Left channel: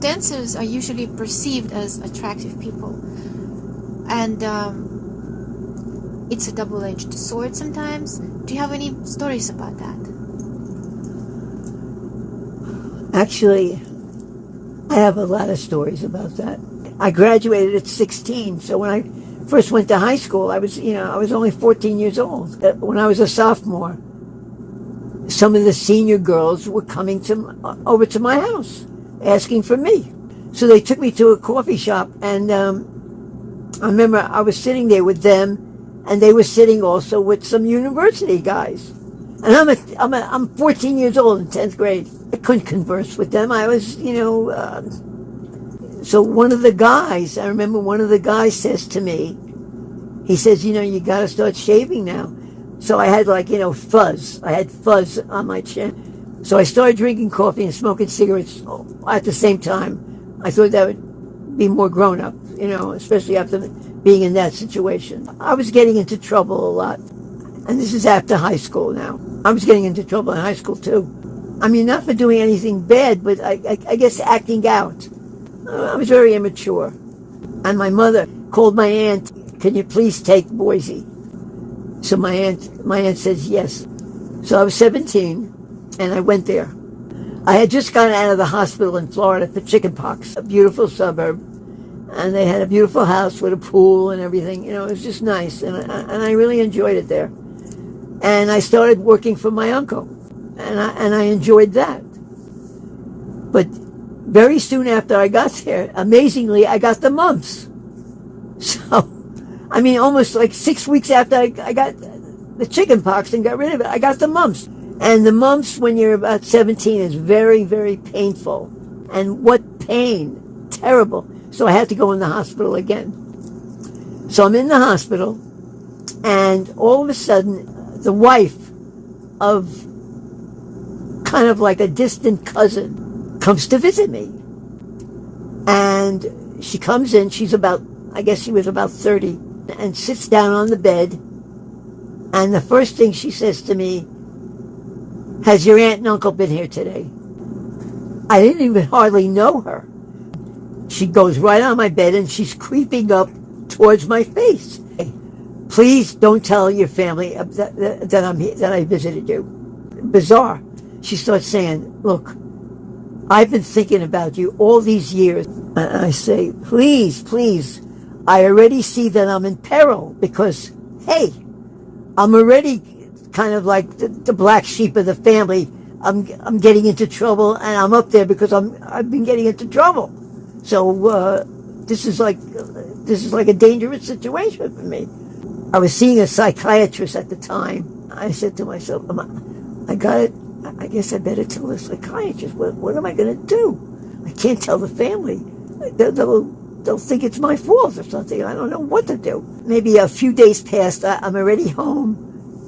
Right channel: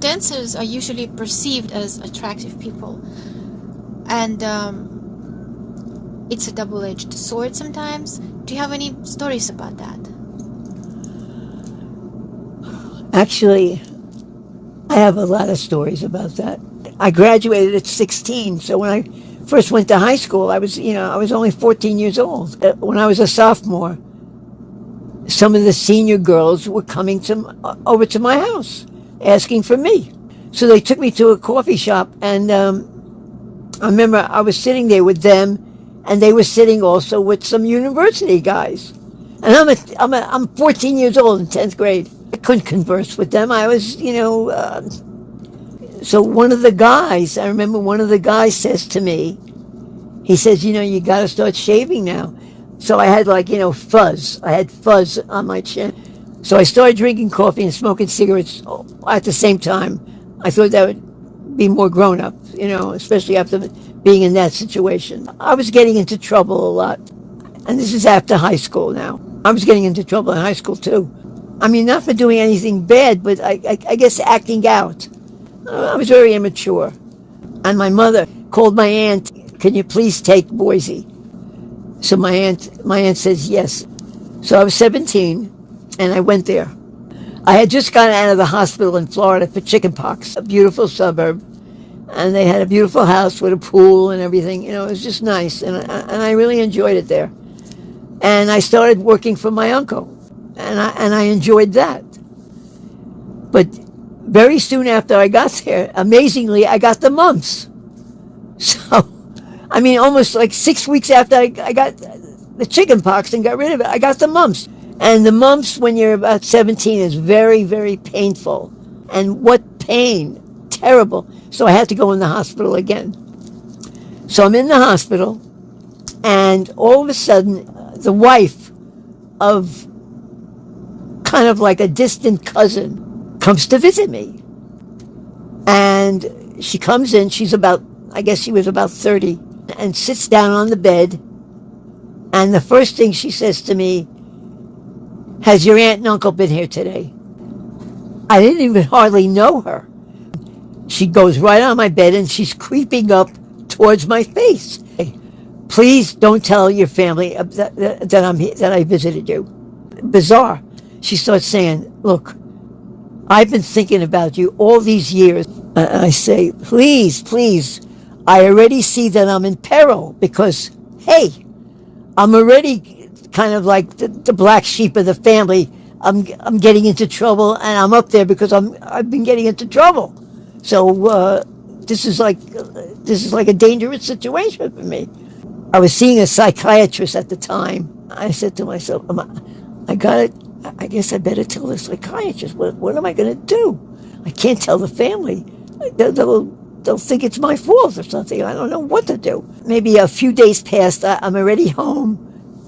dancers are usually perceived as attractive people, and it's a double-edged sword sometimes. Do you have any stories about that? Actually, I have a lot of stories about that. I graduated at 16, so when I first went to high school, I was only 14 years old. When I was a sophomore, some of the senior girls were coming over to my house, asking for me. So they took me to a coffee shop, and I remember I was sitting there with them, and they were sitting also with some university guys. And I'm 14 years old in 10th grade. I couldn't converse with them. I was, so one of the guys, I remember one of the guys says to me, he says, you got to start shaving now. So I had fuzz. I had fuzz on my chin. So I started drinking coffee and smoking cigarettes at the same time. I thought that would be more grown up, especially after being in that situation. I was getting into trouble a lot. And this is after high school now. I was getting into trouble in high school too. I mean, not for doing anything bad, but I guess acting out. I was very immature. And my mother called my aunt, can you please take Boise? So my aunt says yes. So I was 17, and I went there. I had just gotten out of the hospital in Florida for chickenpox, a beautiful suburb. And they had a beautiful house with a pool and everything. It was just nice, and I really enjoyed it there. And I started working for my uncle, and I enjoyed that. But very soon after I got there, amazingly, I got the mumps. So, I mean, almost like 6 weeks after I got the chickenpox and got rid of it, I got the mumps. And the mumps, when you're about 17, is very, very painful. And what pain! Terrible. So I had to go in the hospital again. So I'm in the hospital, and all of a sudden, the wife of kind of like a distant cousin comes to visit me. And she comes in, I guess she was about 30, and sits down on the bed. And the first thing she says to me, has your aunt and uncle been here today? I didn't even hardly know her. She goes right on my bed, and she's creeping up towards my face. Please don't tell your family that I visited you. Bizarre. She starts saying, look, I've been thinking about you all these years. And I say, please, I already see that I'm in peril because, hey, I'm already kind of like the black sheep of the family. I'm getting into trouble, and I'm up there because I've been getting into trouble. So this is like a dangerous situation for me. I was seeing a psychiatrist at the time. I said to myself, I guess I better tell the psychiatrist. What am I going to do? I can't tell the family. They'll think it's my fault or something. I don't know what to do. Maybe a few days passed. I'm already home,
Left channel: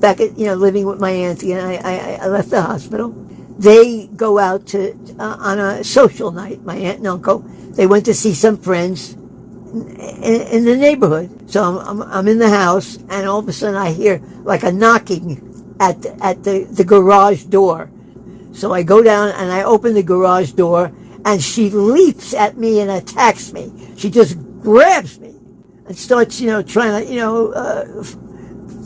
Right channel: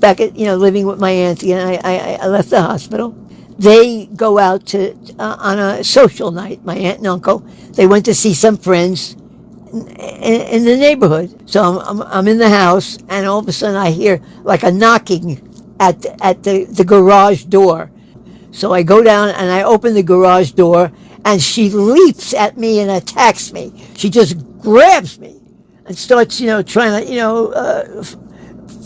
back at living with my auntie, and I left the hospital. They go out on a social night. My aunt and uncle. They went to see some friends in the neighborhood. So I'm in the house, and all of a sudden I hear like a knocking at the garage door. So I go down and I open the garage door, and she leaps at me and attacks me. She just grabs me and starts, trying to,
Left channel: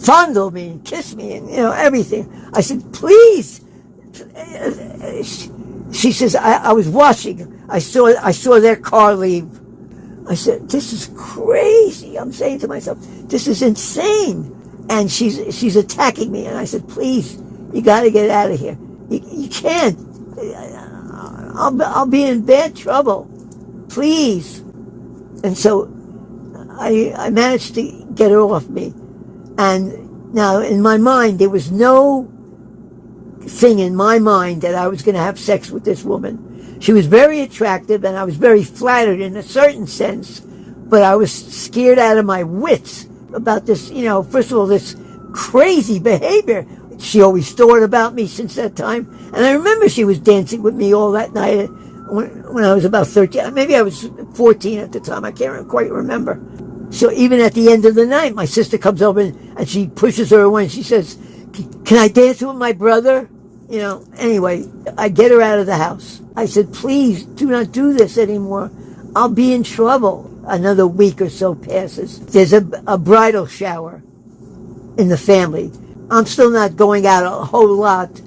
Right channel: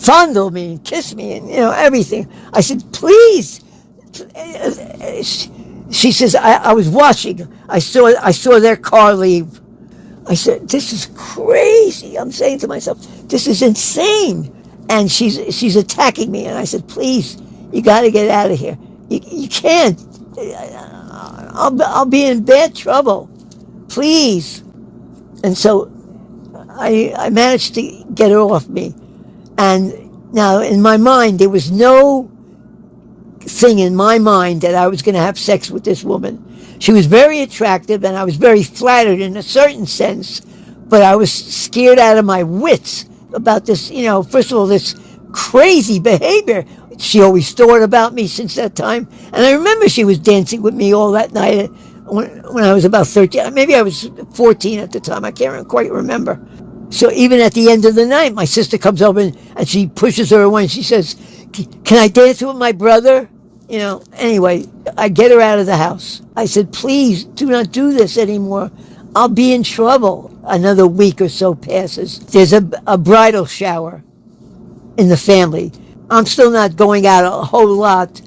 fondle me and kiss me and, everything. I said, please. She says, I was watching. I saw their car leave. I said, this is crazy. I'm saying to myself, this is insane. And she's attacking me. And I said, please, you got to get out of here. You can't. I'll be in bad trouble. Please. And so I managed to get her off me. And now in my mind, there was no thing in my mind that I was going to have sex with this woman. She was very attractive, and I was very flattered in a certain sense, but I was scared out of my wits about this, first of all, this crazy behavior. She always thought about me since that time. And I remember she was dancing with me all that night when I was about 13. Maybe I was 14 at the time. I can't quite remember. So even at the end of the night, my sister comes over and she pushes her away, and she says, can I dance with my brother? Anyway, I get her out of the house. I said, please do not do this anymore. I'll be in trouble. Another week or so passes. There's a bridal shower in the family. I'm still not going out a whole lot,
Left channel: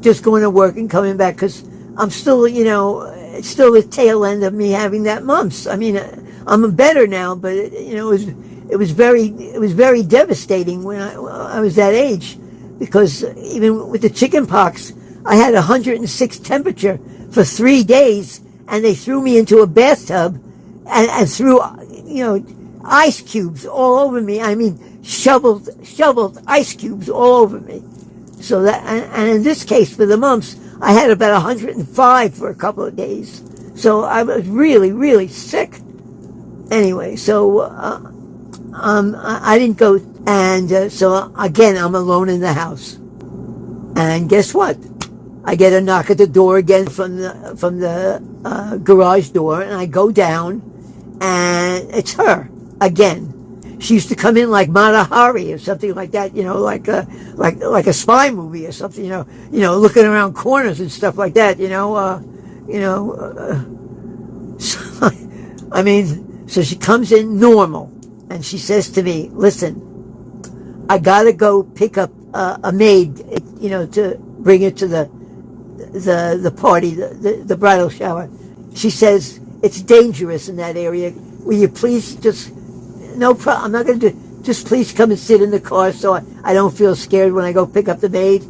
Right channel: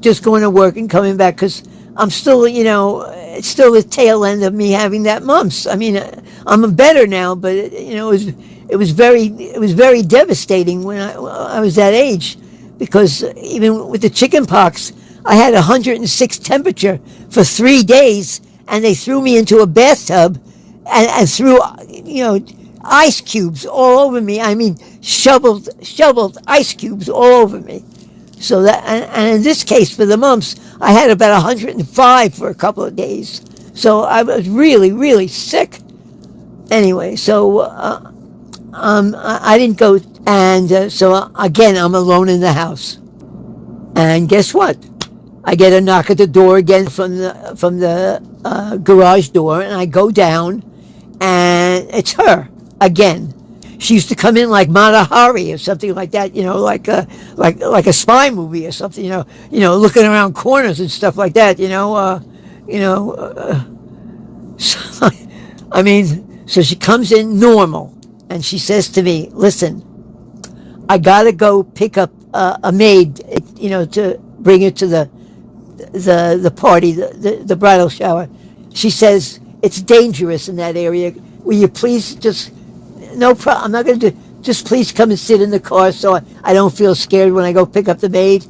just going to work and coming back because I'm still, it's still the tail end of me having that mumps. I mean, I'm better now, but it was very devastating when I was that age, because even with the chicken pox, I had 106 temperature for 3 days, and they threw me into a bathtub and threw, ice cubes all over me. I mean, shoveled ice cubes all over me. So that, and in this case, for the mumps, I had about 105 for a couple of days. So I was really, really sick. Anyway, so I didn't go, and so again, I'm alone in the house. And guess what? I get a knock at the door again from the garage door, and I go down, and it's her again. She used to come in like Mata Hari or something like that, like a spy movie or something, looking around corners and stuff like that, So, I mean, so she comes in normal, and she says to me, "Listen, I gotta go pick up a maid, to bring her to the party, the bridal shower." She says, "It's dangerous in that area. Will you please just, no problem, I'm not going to do, just please come and sit in the car so I don't feel scared when I go pick up the maid."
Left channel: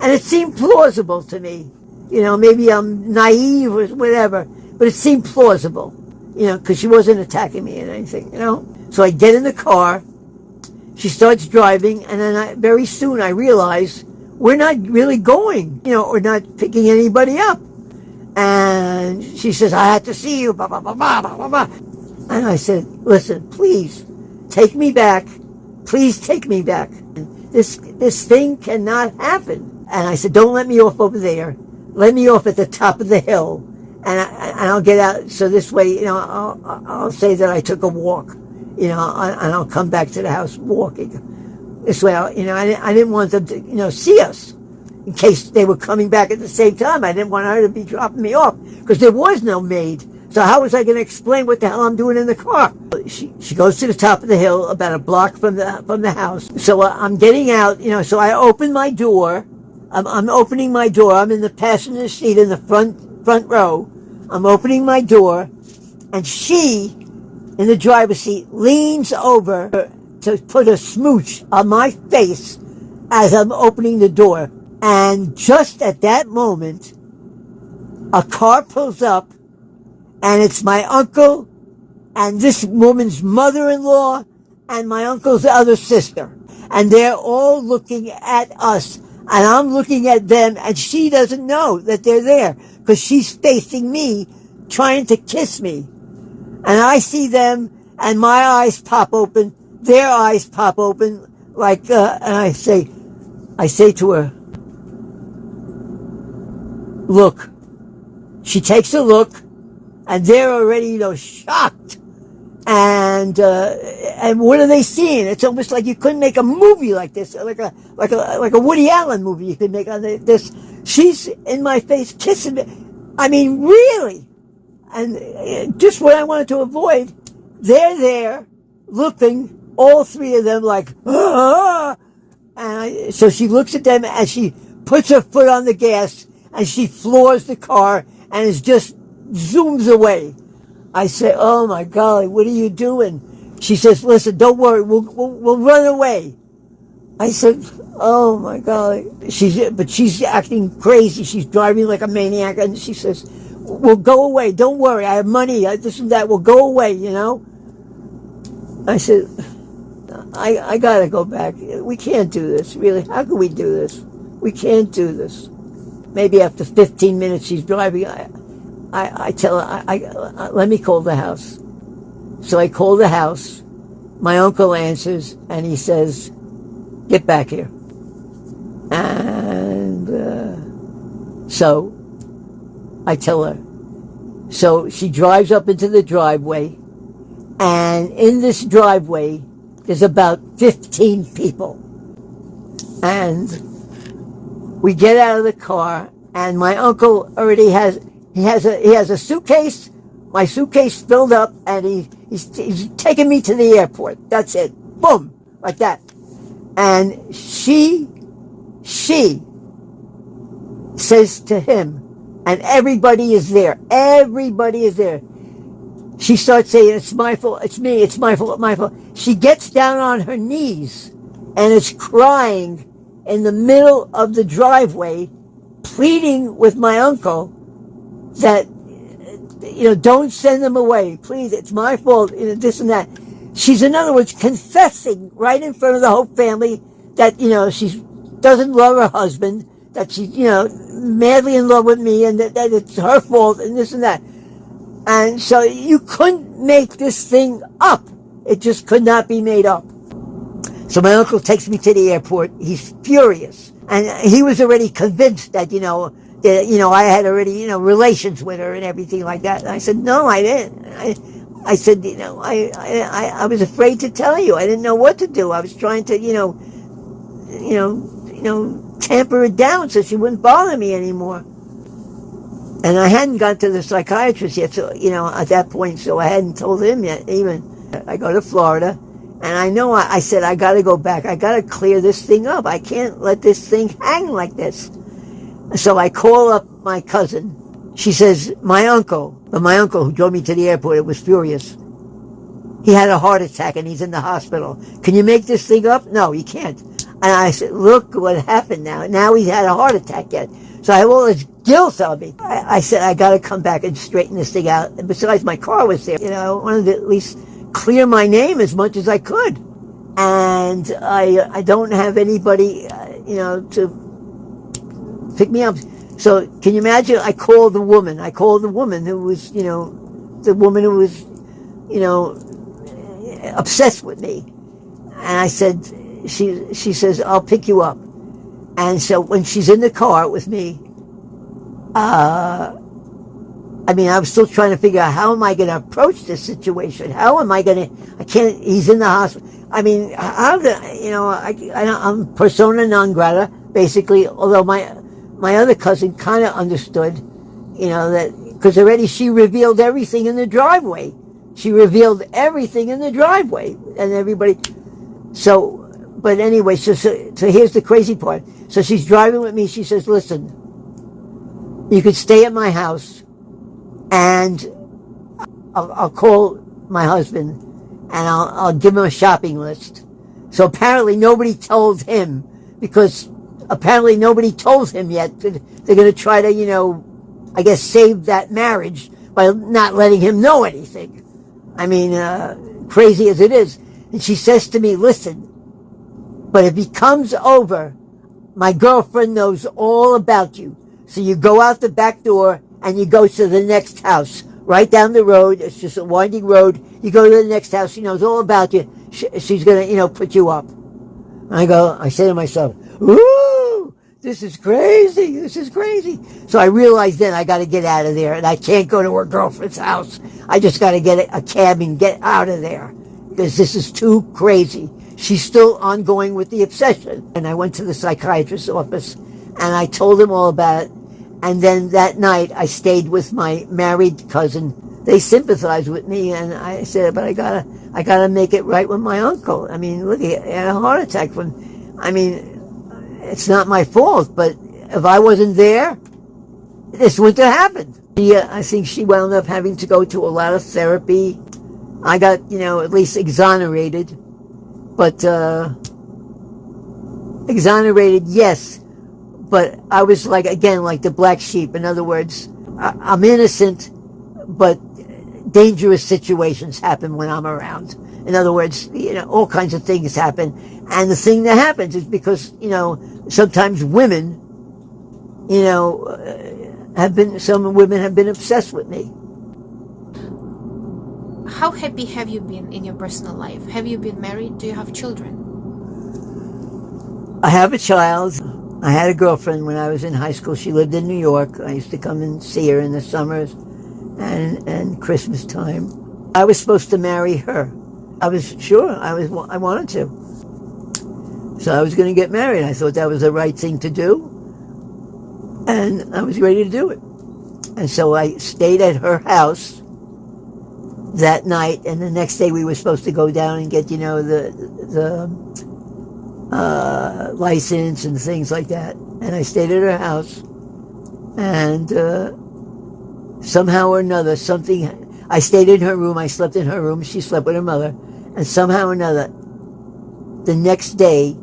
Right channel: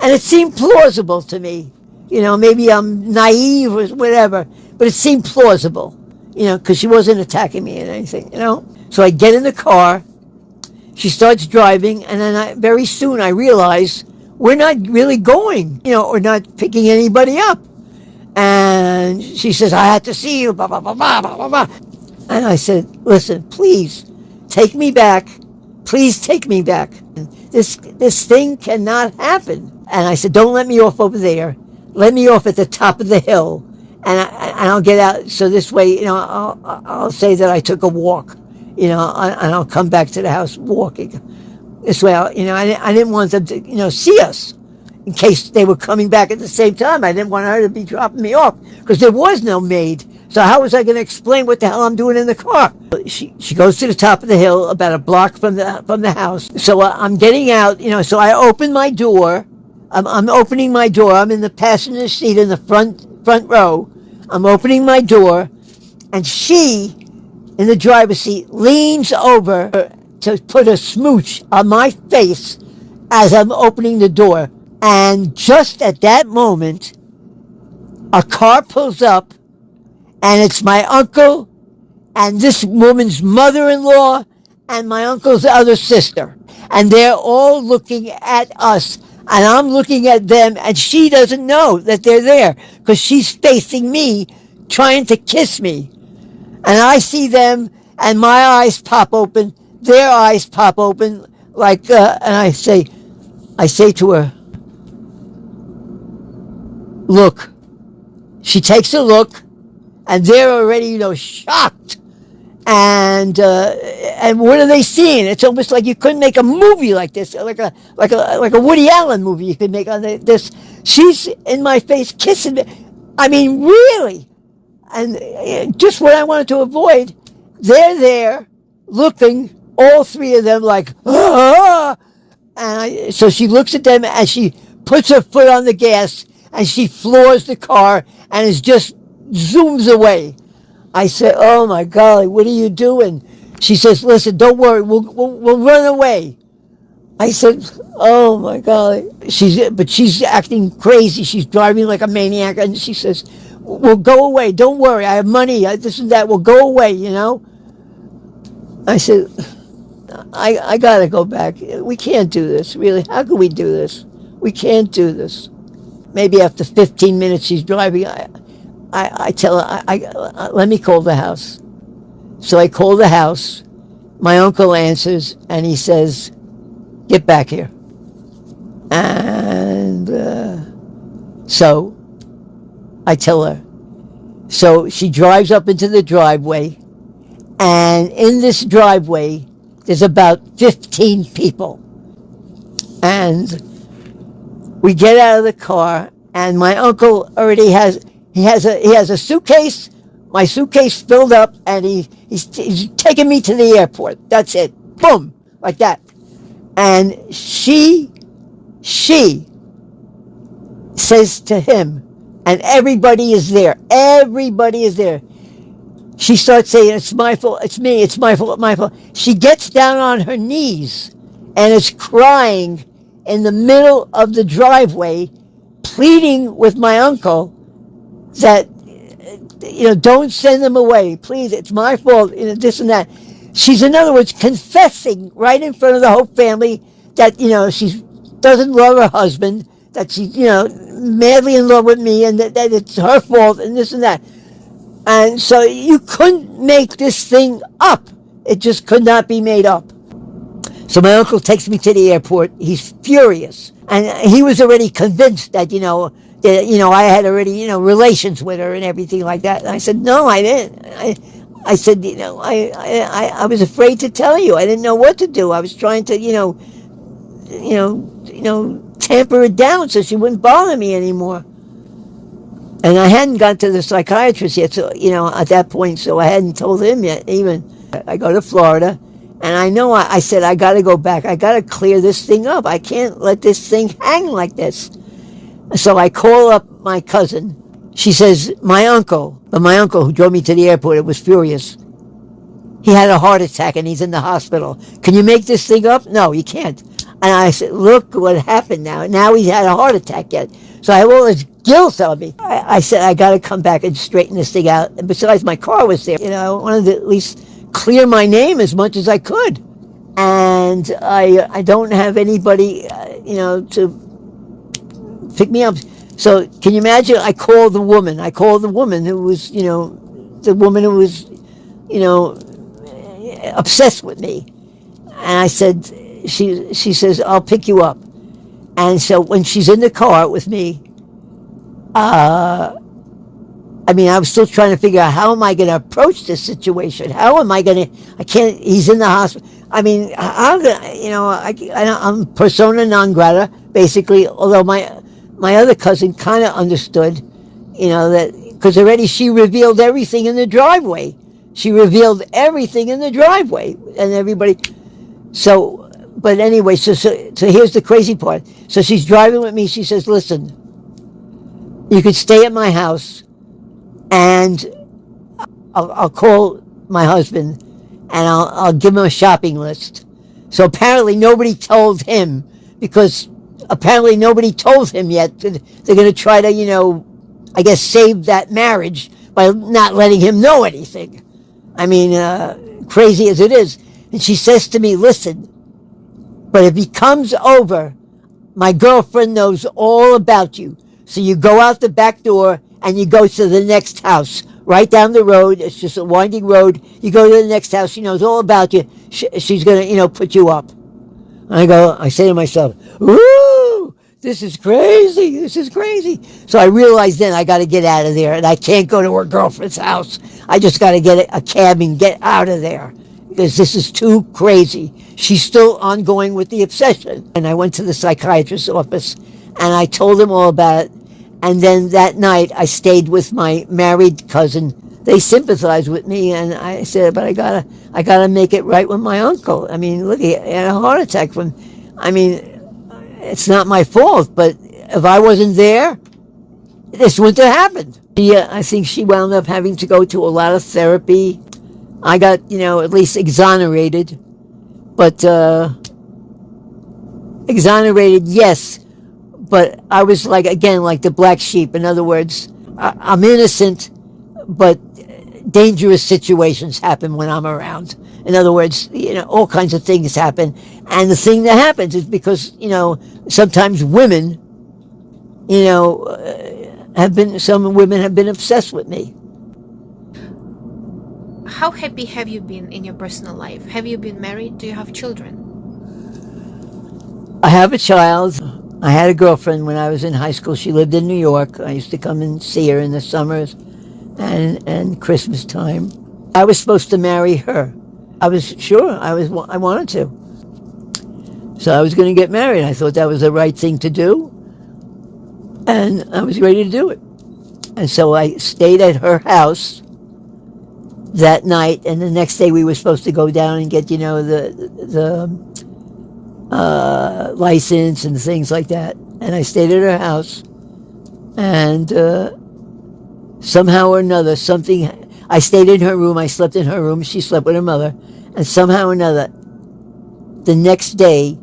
And it seemed plausible to me. Maybe I'm naive or whatever, but it seemed plausible, because she wasn't attacking me or anything, So I get in the car, she starts driving, and then very soon I realize we're not really going, we're not picking anybody up. And she says, "I had to see you, blah, blah, blah, blah, blah, blah." And I said, "Listen, please take me back. Please take me back. This thing cannot happen." And I said, "Don't let me off over there. Let me off at the top of the hill, and I'll get out. So this way, I'll say that I took a walk, and I'll come back to the house walking. This way, I didn't want them to, see us in case they were coming back at the same time. I didn't want her to be dropping me off because there was no maid. So how was I going to explain what the hell I'm doing in the car?" She goes to the top of the hill, about a block from the house. So I'm getting out, so I open my door. I'm opening my door. I'm in the passenger seat in the front row. I'm opening my door, and she, in the driver's seat, leans over to put a smooch on my face as I'm opening the door. And just at that moment, a car pulls up, and it's my uncle and this woman's mother-in-law and my uncle's other sister. And they're all looking at us, and I'm looking at them, and she doesn't know that they're there because she's facing me, trying to kiss me. And I see them, and my eyes pop open, their eyes pop open, and I say to her, "Look." She takes a look, and they're already, shocked. And what are they seeing? It's almost like you couldn't make a movie like this, like a Woody Allen movie you could make on this. She's in my face kissing me. I mean, really. And just what I wanted to avoid, they're there looking, all three of them, like, "Ah!" And so she looks at them as she puts her foot on the gas, and she floors the car and is just zooms away. I said, "Oh my golly, what are you doing?" She says, "Listen, don't worry, we'll run away." I said, "Oh my golly." She's acting crazy. She's driving like a maniac, and she says, "We'll go away. Don't worry. I have money. This and that. We'll go away, I said, I gotta go back. We can't do this, really. How can we do this? We can't do this." Maybe after 15 minutes she's driving, I tell her, "Let me call the house." So I call the house. My uncle answers, and he says, "Get back here." And so I tell her. So she drives up into the driveway, and in this driveway, there's about 15 people. And We get out of the car, and my uncle already has a suitcase, my suitcase filled up, and he's taking me to the airport. That's it. Boom, like that. And she says to him, and everybody is there. Everybody is there. She starts saying, "It's my fault. It's me. It's my fault. My fault." She gets down on her knees and is crying in the middle of the driveway, pleading with my uncle that, don't send them away. Please, it's my fault, this and that. She's, in other words, confessing right in front of the whole family that, she doesn't love her husband, that she's, madly in love with me, and that it's her fault, and this and that. And so you couldn't make this thing up. It just could not be made up. So my uncle takes me to the airport. He's furious. And he was already convinced that, I had already, relations with her and everything like that. And I said, no, I didn't. I said, I was afraid to tell you. I didn't know what to do. I was trying to, tamper it down so she wouldn't bother me anymore. And I hadn't gone to the psychiatrist yet, so, at that point, so I hadn't told him yet, even. I go to Florida, and I know I said, I got to go back. I got to clear this thing up. I can't let this thing hang like this. So I call up my cousin. She says, my uncle who drove me to the airport, it was furious. He had a heart attack, and he's in the hospital. Can you make this thing up? No, you can't. And I said, look what happened now. Now he's had a heart attack yet. So I have all this guilt on me. I said, I got to come back and straighten this thing out. And besides, my car was there. I wanted to at least clear my name as much as I could. And I don't have anybody, to pick me up. So can you imagine? I called the woman who was, the woman who was, obsessed with me. And I said, she says, I'll pick you up. And so when she's in the car with me, I was still trying to figure out, how am I going to approach this situation? How am I going to, he's in the hospital. I'm persona non grata, basically, although my other cousin kind of understood, that, because already she revealed everything in the driveway. And everybody, so, but anyway, so here's the crazy part. So she's driving with me. She says, listen, you could stay at my house, and I'll call my husband, and I'll give him a shopping list. So apparently nobody told him, because apparently nobody told him yet. They're going to try to, save that marriage by not letting him know anything. Crazy as it is. And she says to me, listen, but if he comes over, my girlfriend knows all about you. So you go out the back door and you go to the next house, right down the road. It's just a winding road. You go to the next house. She knows all about you. She's going to, put you up. And I say to myself, ooh, this is crazy. So I realized then I got to get out of there, and I can't go to her girlfriend's house. I just got to get a cab and get out of there, because this is too crazy. She's still ongoing with the obsession. And I went to the psychiatrist's office, and I told him all about it. And then that night, I stayed with my married cousin. They sympathized with me, and I said, but I gotta make it right with my uncle. Look, he had a heart attack it's not my fault, but if I wasn't there, this wouldn't have happened. I think she wound up having to go to a lot of therapy. I got, at least exonerated. But, exonerated, yes. But I was like the black sheep. In other words, I'm innocent, but dangerous situations happen when I'm around. In other words, all kinds of things happen. And the thing that happens is because, sometimes women, some women have been obsessed with me. How happy have you been in your personal life? Have you been married? Do you have children? I have a child. I had a girlfriend when I was in high school. She lived in New York. I used to come and see her in the summers and Christmas time. I was supposed to marry her. I was sure. I wanted to. So I was going to get married. I thought that was the right thing to do. And I was ready to do it. And so I stayed at her house that night, and the next day we were supposed to go down and get, the license and things like that. And I stayed at her house, and somehow or another, I stayed in her room, I slept in her room, she slept with her mother, and somehow or another, the next day,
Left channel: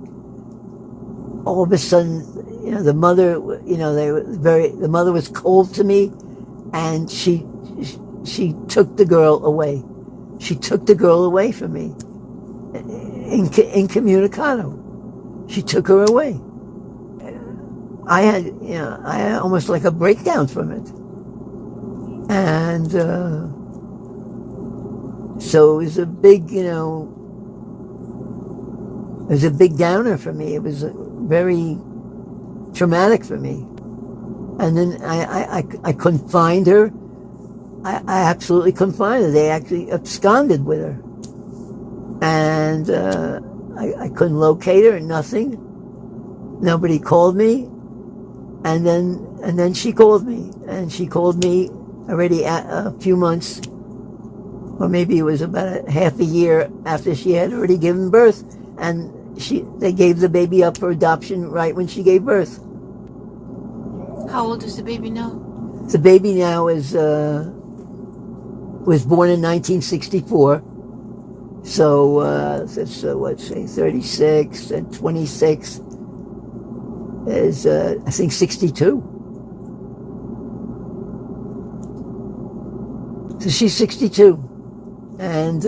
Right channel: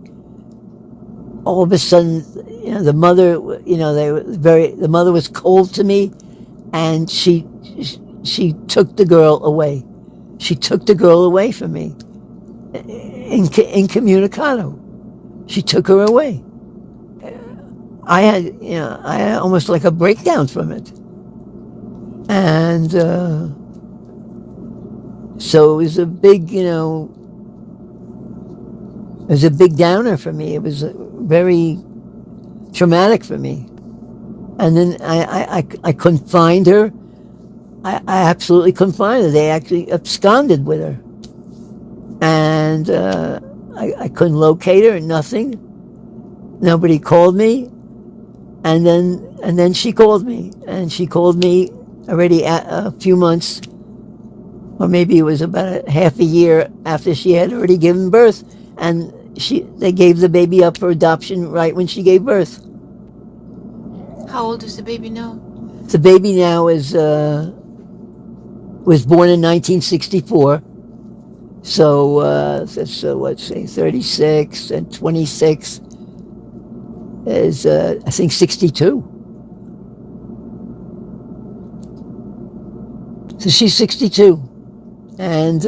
all of a sudden, the mother, the mother was cold to me, and she took the girl away. She took the girl away from me, incommunicado. She took her away. I had almost like a breakdown from it. And so it was a big, it was a big downer for me. It was very traumatic for me. And then I couldn't find her. I absolutely couldn't find her. They actually absconded with her. And I couldn't locate her, nothing. Nobody called me. And then she called me. And she called me already a few months, or maybe it was about half a year after she had already given birth. And they gave the baby up for adoption right when she gave birth. How old is the baby now? The baby now was born in 1964. So that's let's say 36 and 26 is I think 62. So she's 62, and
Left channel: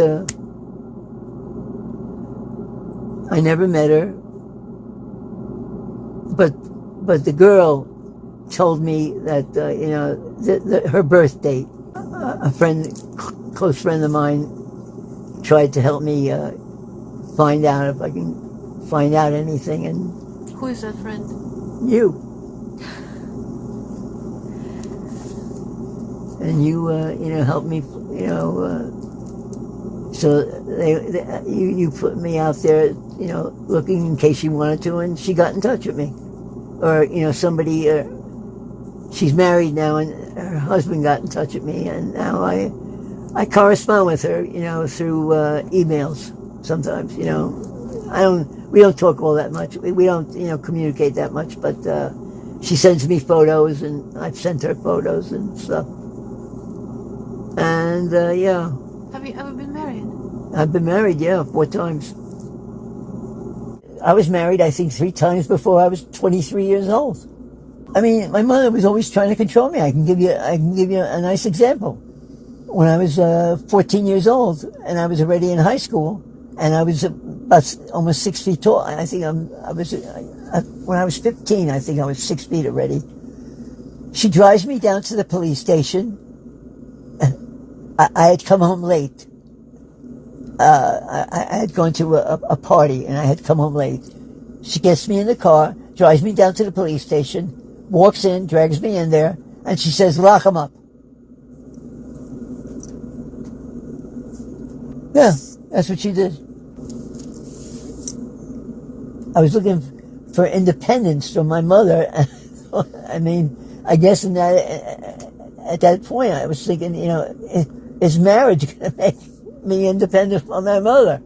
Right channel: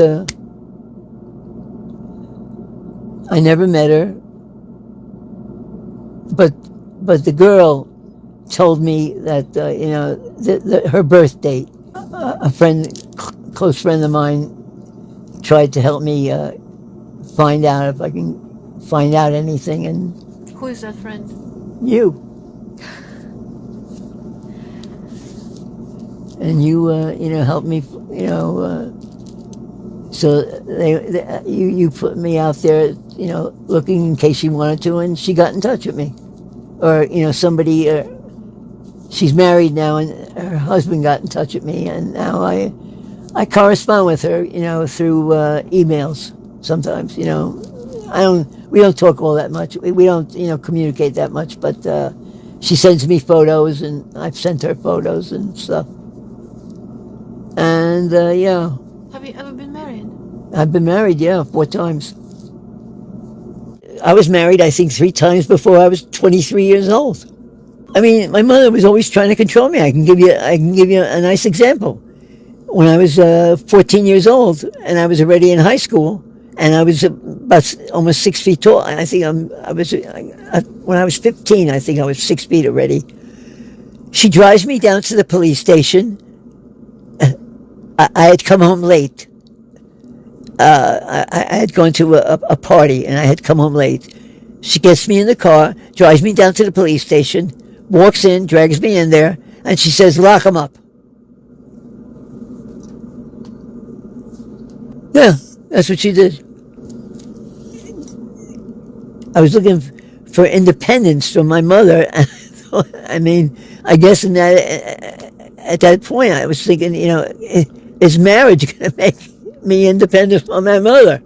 I never met her, but the girl told me that her birth date. A close friend of mine, tried to help me find out if I can find out anything. And who is that friend? You. And you helped me. So you put me out there, looking in case she wanted to, and she got in touch with me, or somebody. She's married now, and her husband got in touch with me, and now I correspond with her, through emails sometimes. We don't talk all that much. We don't, communicate that much, but she sends me photos, and I've sent her photos and stuff. And yeah. Have you been married? I've been married, 4 times. I was married, I think, 3 times before I was 23 years old. I mean, my mother was always trying to control me. I can give you a nice example. When I was 14 years old, and I was already in high school, and I was about almost 6 feet tall. I think when I was 15, I think I was 6 feet already. She drives me down to the police station. I had come home late. I had gone to a party, and I had come home late. She gets me in the car, drives me down to the police station, walks in, drags me in there, and she says, "Lock him up." Yeah, that's what she did. I was looking for independence from my mother. I mean, I guess at that point, I was thinking, is marriage going to make me independent from my mother?